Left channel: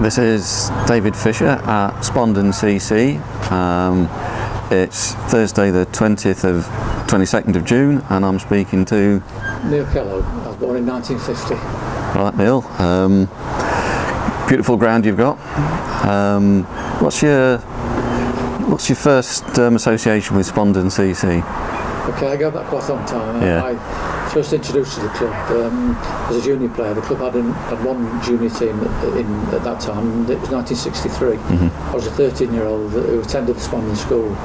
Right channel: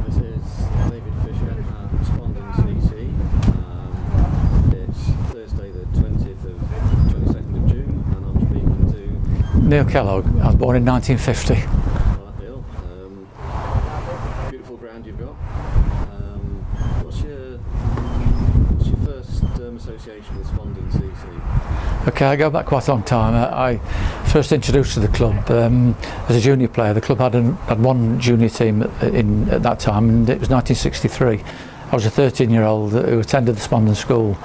This is David Fisher at Spondon CC. It's Thursday the 22nd of June, and I'm speaking to Neil Kellogg. I was born in 1950. Right, Neil. Beautiful ground you've got. What's your first association with Spondon CC? Okay, I go back quite a long time. Yeah. I first introduced to the club as a junior player. The club had one junior team at that time, and it was 1963. I was a 13-year-old who attended the Spondon school,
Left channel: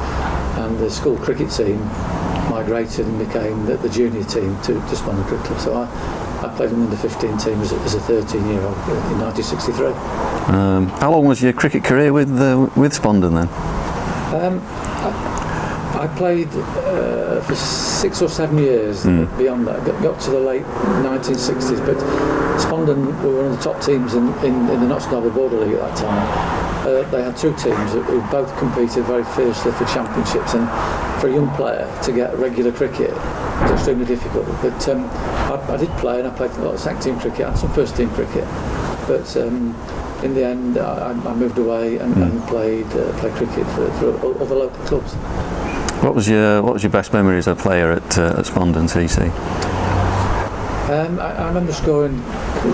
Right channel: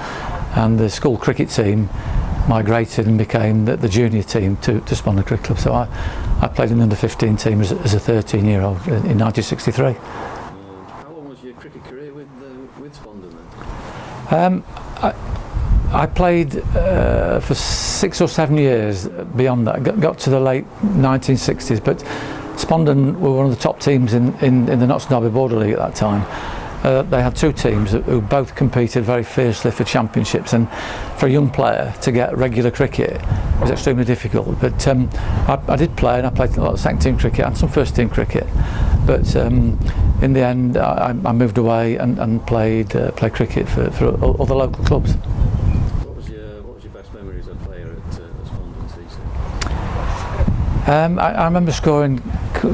and the school cricket team migrated and became the junior team to Spondon Cricket Club. So I played in the under-15 team as a 13-year-old in 1963. How long was your cricket career with Spondon then? I played for 6 or 7 years. Beyond that, got to the late 1960s. But Spondon were one of the top teams in the Notts Derby Border League at that time. They had two teams who both competed very fiercely for championships, and for a young player to get regular cricket was extremely difficult. But I did play, and I played a lot of second team cricket and some first team cricket. But in the end, I moved away and played cricket for other local clubs. What was your best memory as a player at Spondon CC? I remember scoring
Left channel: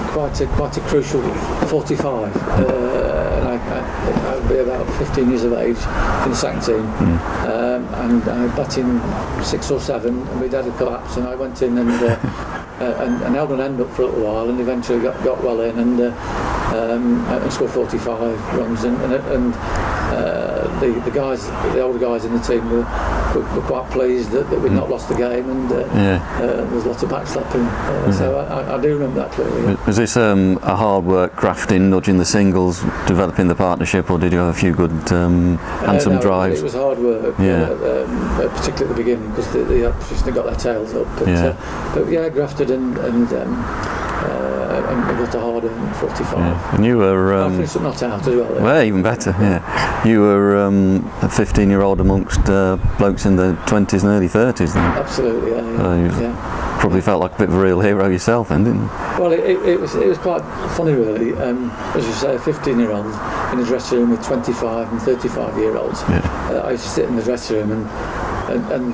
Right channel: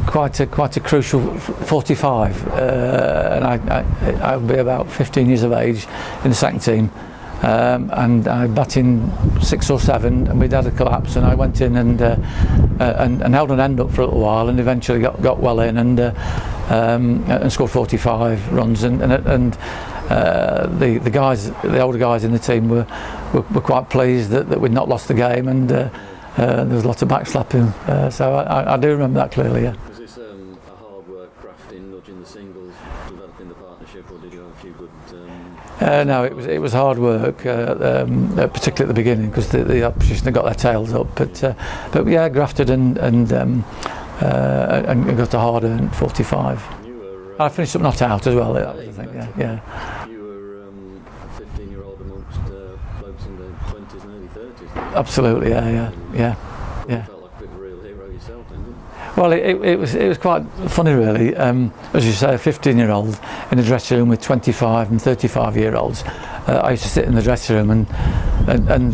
quite a crucial 45, and I would be about 15 years of age in the second team, and I batting 6 or 7, and we'd had a collapse, and I went in and held an end up for a little while, and eventually got well in and scored 45 runs, and the older guys in the team were quite pleased that we'd not lost the game, and there was lots of backslapping. So I do remember that clearly. Yeah. Was this a hard work, grafting, nudging the singles, developing the partnership, or did you have a few good handsome drives? It was hard work, particularly at the beginning, because the opposition had got their tails up. But yeah, grafted and got a hard 45. Yeah. And you were. I finished up not out as well. Well, even better. Yeah. You were a 15-year-old amongst blokes in the 20s and early 30s then. Absolutely. Yeah. Probably felt like a bit of a real hero yourself then, didn't you? Well, it was quite funny really. As you say, a 15-year-old in a dressing room with 25 and 35-year-olds. Yeah. I used to sit in the dressing room and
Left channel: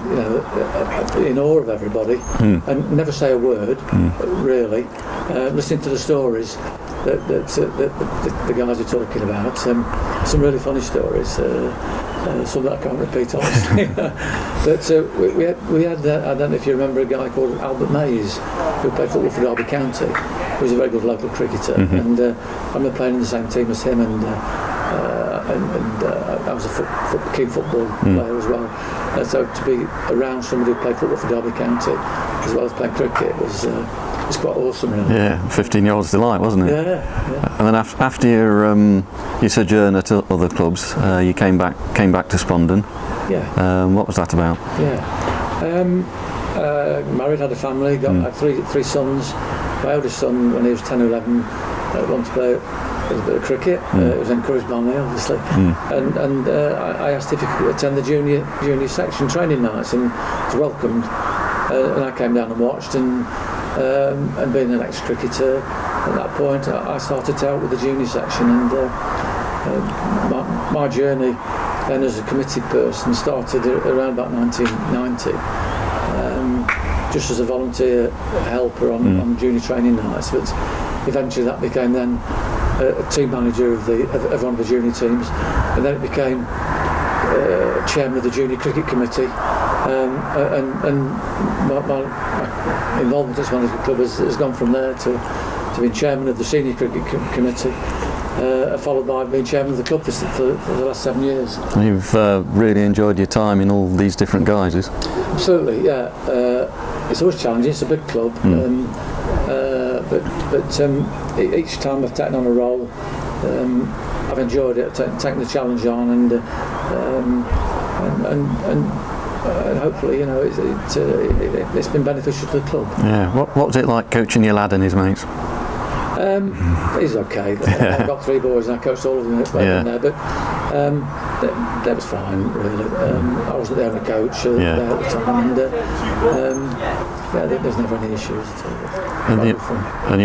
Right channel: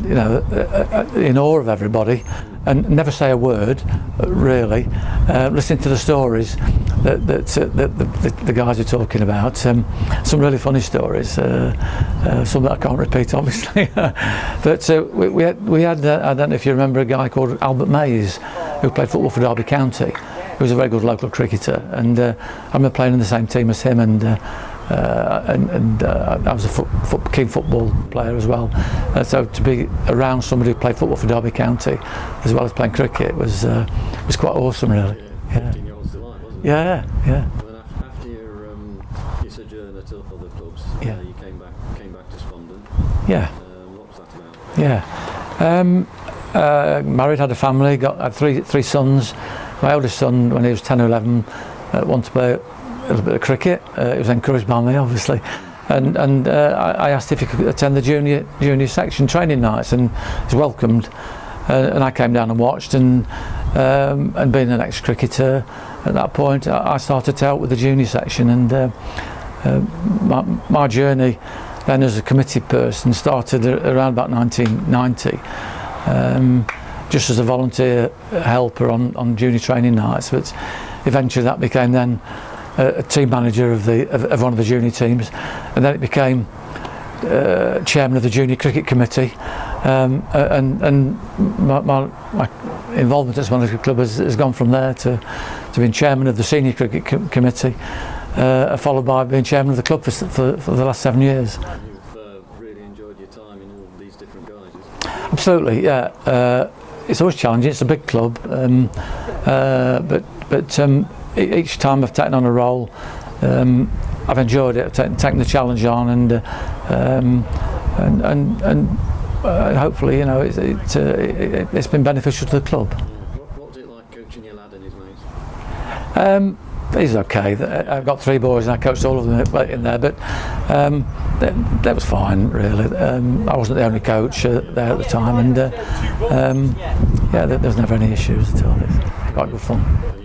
you know, in awe of everybody, and never say a word, really. Listening to the stories that the guys are talking about. Some really funny stories. Some that I can't repeat, obviously. But we had I don't know if you remember a guy called Albert Mays, who played football for Derby County. He was a very good local cricketer, and I remember playing in the same team as him, and I was a keen football player as well. So to be around somebody who played football for Derby County as well as playing cricket was quite awesome, really. Yeah, 15-year-old's delight, wasn't it? Yeah. And then after your sojourn at other clubs, you came back to Spondon. Yeah. What was that about? Yeah. Married, had a family, had three sons. My eldest son, when he was 10 or 11, wanted to play a little bit of cricket. It was encouraged by me, obviously, and I asked if he could attend the junior section training nights, and was welcomed. And I came down and watched, and being an ex-cricketer at that point, I started to help with the junior section, and my journey then as a committee person started around about 1990. Just as a volunteer helper on junior training nights, but eventually that became then a team manager of one of the junior teams, and then it became chairman of the junior cricket committee, and my involvement at Spondon Cricket Club has gone from there to being chairman of the senior cricket committee, followed by being chairman of the club for the last 7 years. You've really enjoyed your time in all these different guises. Absolutely, yeah. It's always challenging. It's a big club, but each time I've taken on a role, I've enjoyed it. I've taken the challenge on, and hopefully, you know, it's been beneficial to the club. Yeah. What was it like coaching your lad and his mates? He's okay. I've got 3 boys and I coached all of them in there, but that was fine, really. I wasn't the only coach there at the time, and there's never any issues at all. Quite fun. And do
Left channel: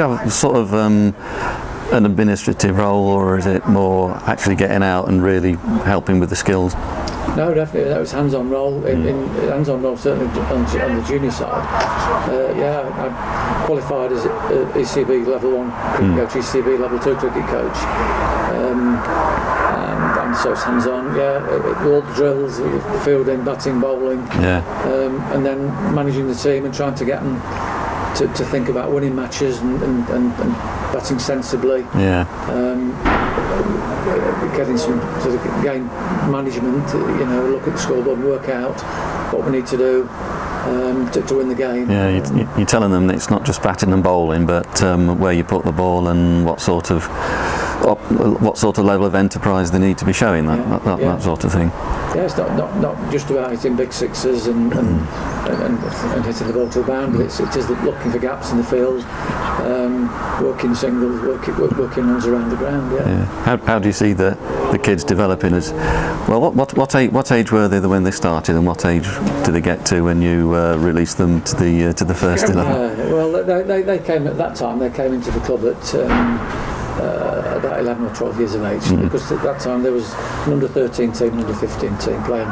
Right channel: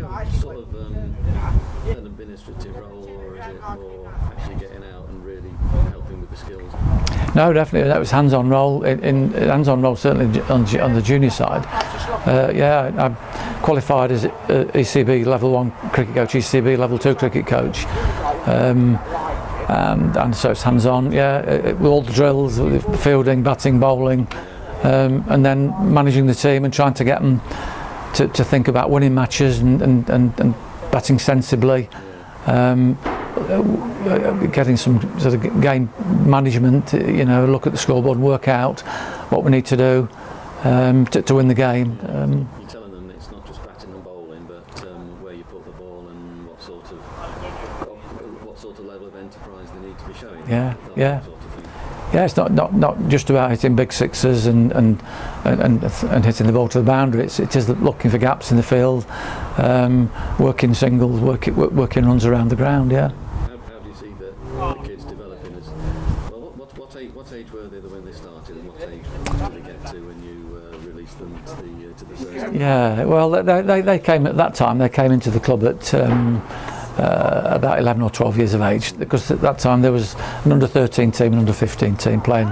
you have sort of an administrative role, or is it more actually getting out and really helping with the skills? No, definitely. That was hands-on role. In hands-on role, certainly on the junior side. I qualified as ECB Level 1 cricket coach, ECB Level 2 cricket coach. And so it's hands-on, all the drills, fielding, batting, bowling, and then managing the team and trying to get them to think about winning matches and batting sensibly. Getting some sort of game management, look at the scoreboard and work out what we need to do to win the game. You're telling them that it's not just batting and bowling, but where you put the ball and what sort of level of enterprise they need to be showing, that sort of thing. Yeah, it's not just about hitting big sixes and hitting the ball to the boundary. It is looking for gaps in the field, working singles, working runs around the ground. How do you see the kids developing as well? What age were they when they started, and what age do they get to when you release them to the first 11? Yeah, well, they came at that time. They came into the club at about 11 or 12 years of age, because at that time there was an under-13 team and under-15 team playing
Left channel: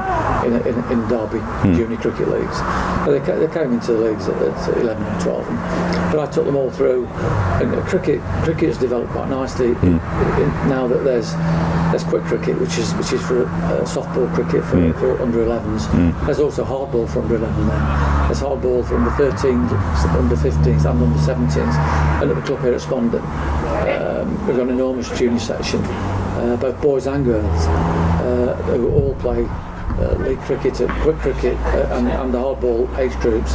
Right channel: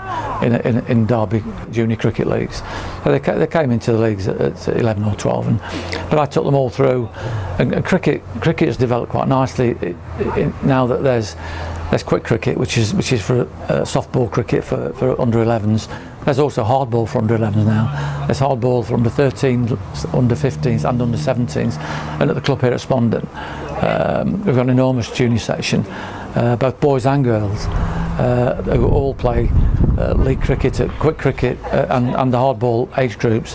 in Derby junior cricket leagues. So they came into the leagues at 11 or 12, but I took them all through. And cricket has developed quite nicely now that there's quick cricket, which is for softball cricket for under 11s. There's also hardball for under 11s now. There's hardball for under 13s, under 15s and under 17s. And at the club here at Spondon, we've got an enormous junior section, both boys and girls, who all play league cricket, quick cricket and the hardball age groups.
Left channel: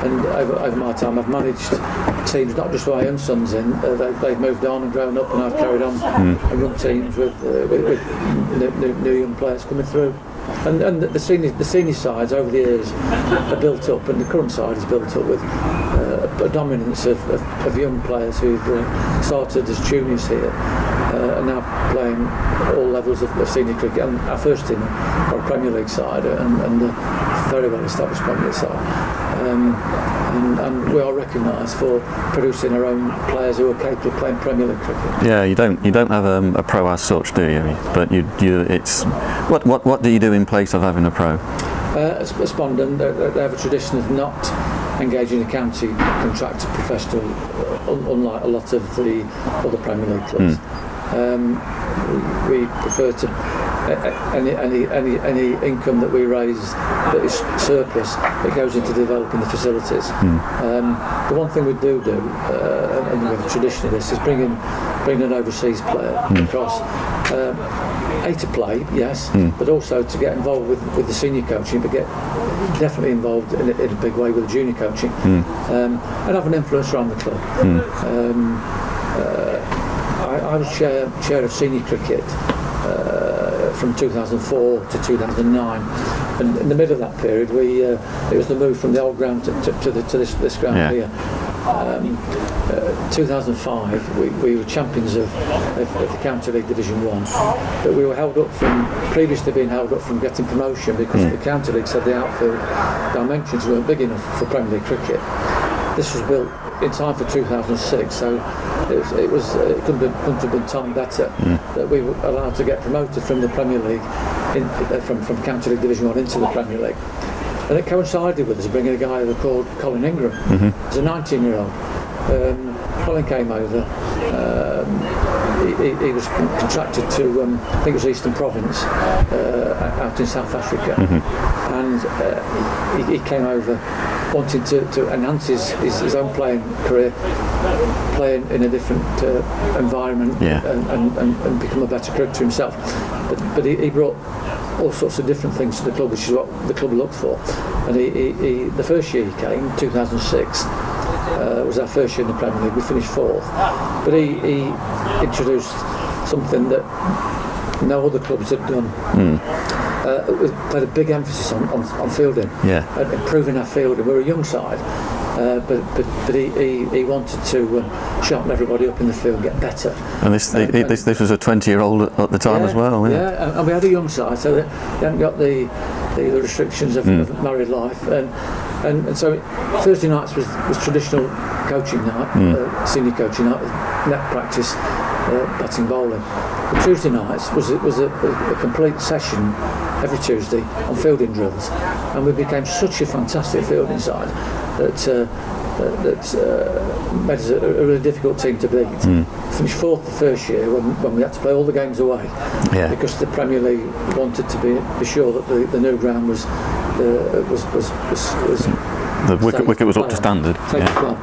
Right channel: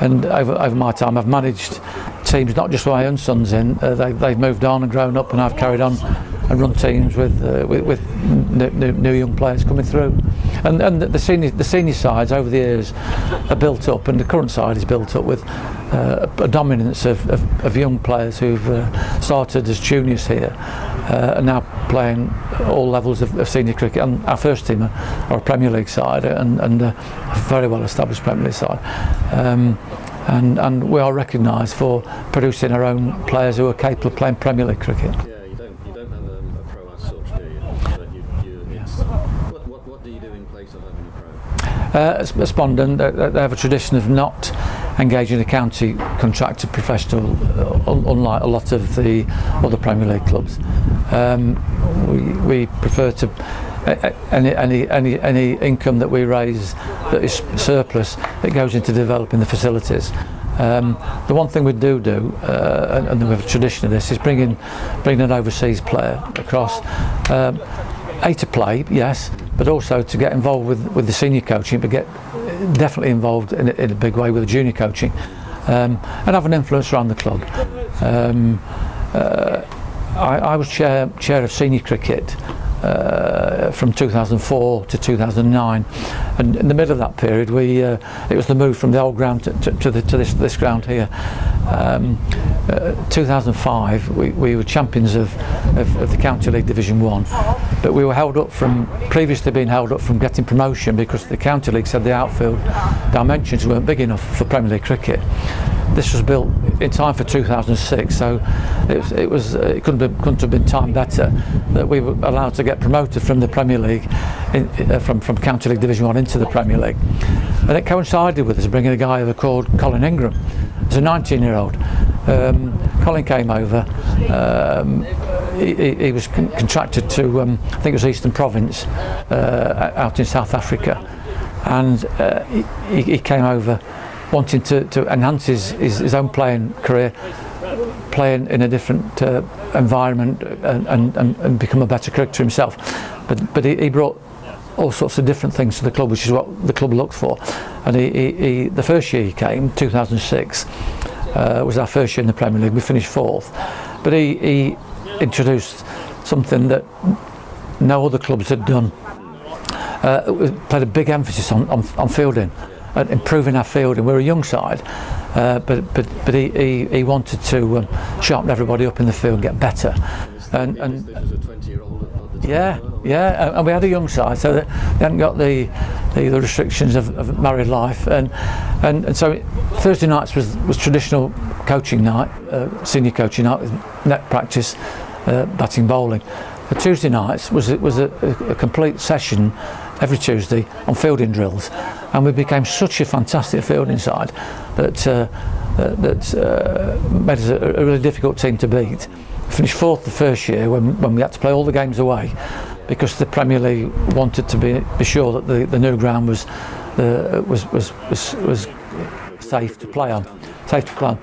And over my time I've managed teams, not just with my own sons in, they've moved on and grown up, and I've carried on and run teams with new young players coming through. And the senior sides over the years are built up, and the current side is built up with a dominance of young players who've started as juniors here, and now playing all levels of senior cricket. And our first team are a Premier League side, and a very well established Premier League side. And we are recognised for producing our own players who are capable of playing Premier League cricket. Yeah, you don't have a pro as such, do you? But it's what do you do in place of having a pro? At Spondon, they have a tradition of not engaging the county contracted professional, unlike a lot of the other Premier League clubs. We prefer to any income that we raise that is surplus, that goes into developing the facilities. The one thing we do, and we have a tradition of this, is bring an overseas player across. To play, yes, but also to get involved with the senior coaching, but get definitely involved in a big way with the junior coaching, and have an influence around the club. I was chair of senior cricket from 2004 to 2009, and in the middle of that period it was the move from the old ground to this ground here. 2005 we were champions of the County League Division 1, but we were previously being held up from getting promotion because the County League said the outfield dimensions weren't big enough for Premier League cricket. This was built in time for 2006, so it couldn't have been timed better that we were allowed to get promoted from the Premier League, from County League Division 1 into the Premier League. And it coincided with us bringing a guy over called Colin Ingram. He's a 19-year-old. Colin came over. He was contracted to, I think it was Eastern Province, out in South Africa, and he came over wanting to enhance his own playing career, playing in a different environment, and become a better cricketer himself. But he brought all sorts of different things to the club, which is what the club looked for. And he the first year he came, 2006, was our first year in the Premier League. We finished 4th, but he introduced something that no other clubs had done. Played a big emphasis on fielding, and improving our fielding. We're a young side, but he wanted to sharpen everybody up in the field and get better. And this was a 20-year-old at the time as well. Yeah, and we had a young side, so that he hadn't got the restrictions of married life, and so Thursday nights was traditional coaching night, senior coaching night, net practice, batting, bowling. But Tuesday nights was a complete session every Tuesday on fielding drills, and we became such a fantastic fielding side that made us a really difficult team to beat. Finished fourth the first year when we had to play all the games away, because the Premier League wanted to be sure that the new ground was the wicket was up to standard. Safe to play.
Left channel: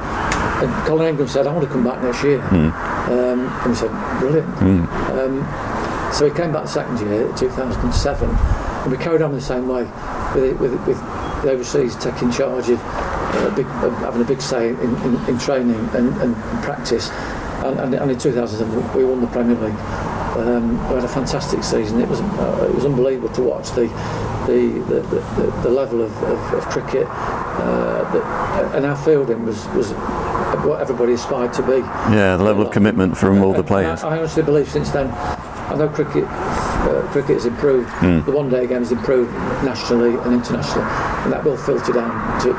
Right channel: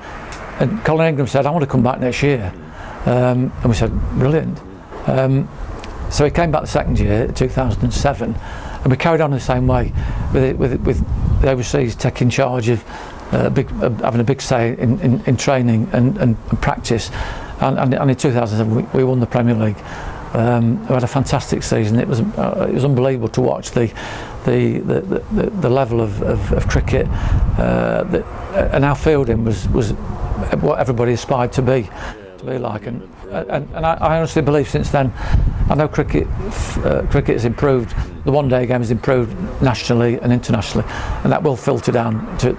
And Colin Ingram said, "I want to come back next year," and we said, "Brilliant." So he came back the second year, 2007, and we carried on the same way, with the overseas taking charge of having a big say in training and practice, and in 2007 we won the Premier League. We had a fantastic season. It was unbelievable to watch the level of cricket, and our fielding was what everybody aspired to be. Yeah, the level of commitment from all the players. I honestly believe since then, I know cricket has improved. The one-day game has improved nationally and internationally, and that will filter down to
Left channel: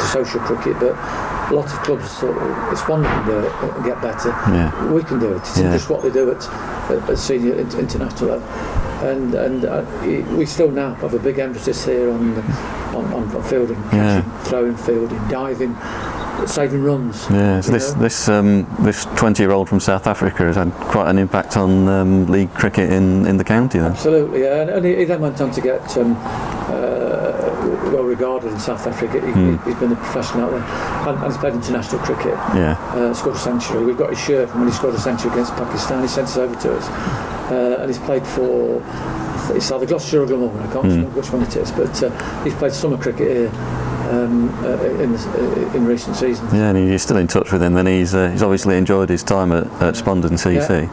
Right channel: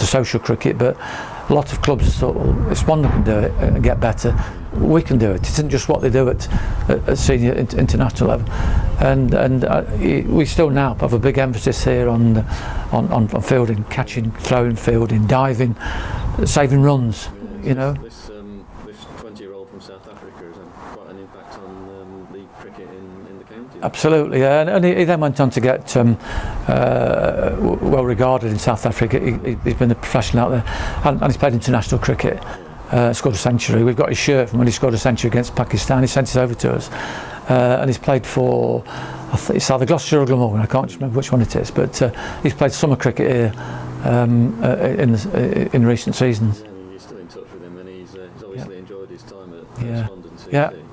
social cricket. But a lot of clubs thought, well, if Spondon can do it and get better, we can do it. It's just what they do at senior international level. And we still now have a big emphasis here on fielding, catching, throwing, fielding, diving, saving runs. Yeah, so this 20-year-old from South Africa has had quite an impact on league cricket in the county then. Absolutely, yeah. And he then went on to get well regarded in South Africa. He's been a professional out there, and he's played international cricket. Scored a century. We've got his shirt from when he scored a century against Pakistan. He sent it over to us, and he's played for, I think it's either Gloucestershire or Glamorgan, I can't remember which one it is, but he's played summer cricket here in recent seasons. Yeah, and you're still in touch with him, then he's obviously enjoyed his time at Spondon CC.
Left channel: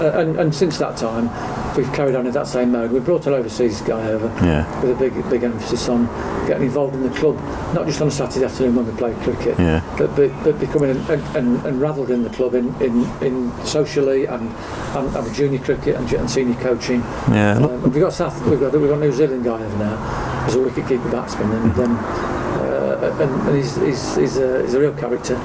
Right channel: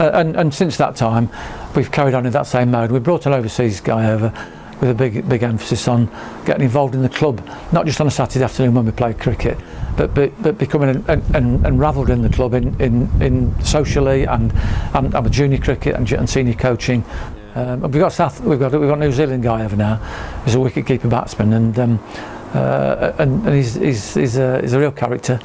And since that time we've carried on in that same mode. We brought an overseas guy over with a big emphasis on getting involved in the club, not just on a Saturday afternoon when we played cricket, but becoming and ravelled in the club in socially and junior cricket and senior coaching. We've got a New Zealand guy over now. He's a wicket-keeper batsman, and he's a real character.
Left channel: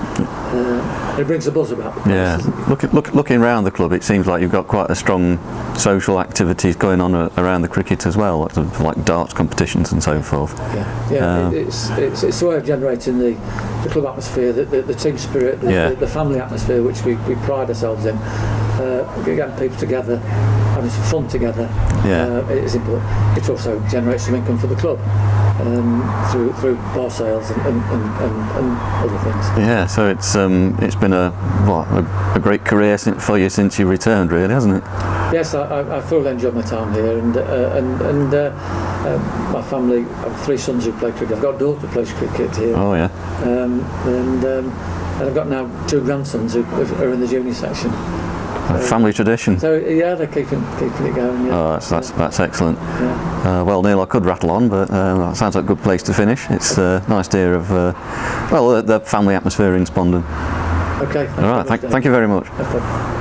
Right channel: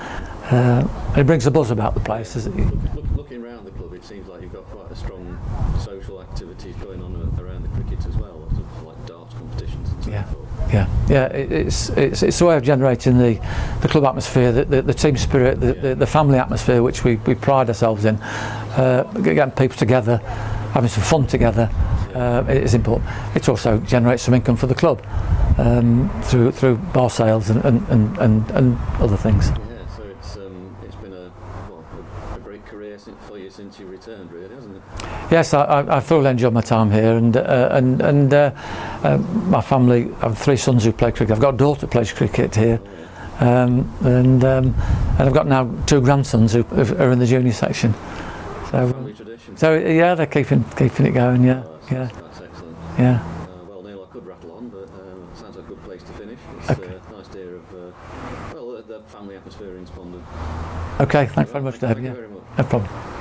He brings the buzz about the place. Looking around the club, it seems like you've got quite a strong social activities going on around the cricket as well, like darts competitions and so forth. It's a way of generating the club atmosphere, the team spirit, the family atmosphere, which we pride ourselves in. Getting people together, having some fun together, is important. It also generates some income for the club through bar sales and other things. Yeah, so it's been a great career for you since you returned, really, hasn't it? Yes, I thoroughly enjoyed my time here, and my family. I have 3 sons who play cricket. I've got a daughter who plays cricket here. Oh yeah. And I've got now 2 grandsons who are in the junior section. Family tradition. So yeah, they're keeping it going. Yeah. Oh, that's excellent. Yeah. Well, Neil, I could rattle on, but that sounds like a good place to finish. It's nice to hear of the family atmosphere in Spondon. Okay. All right. Thank you very much. No problem.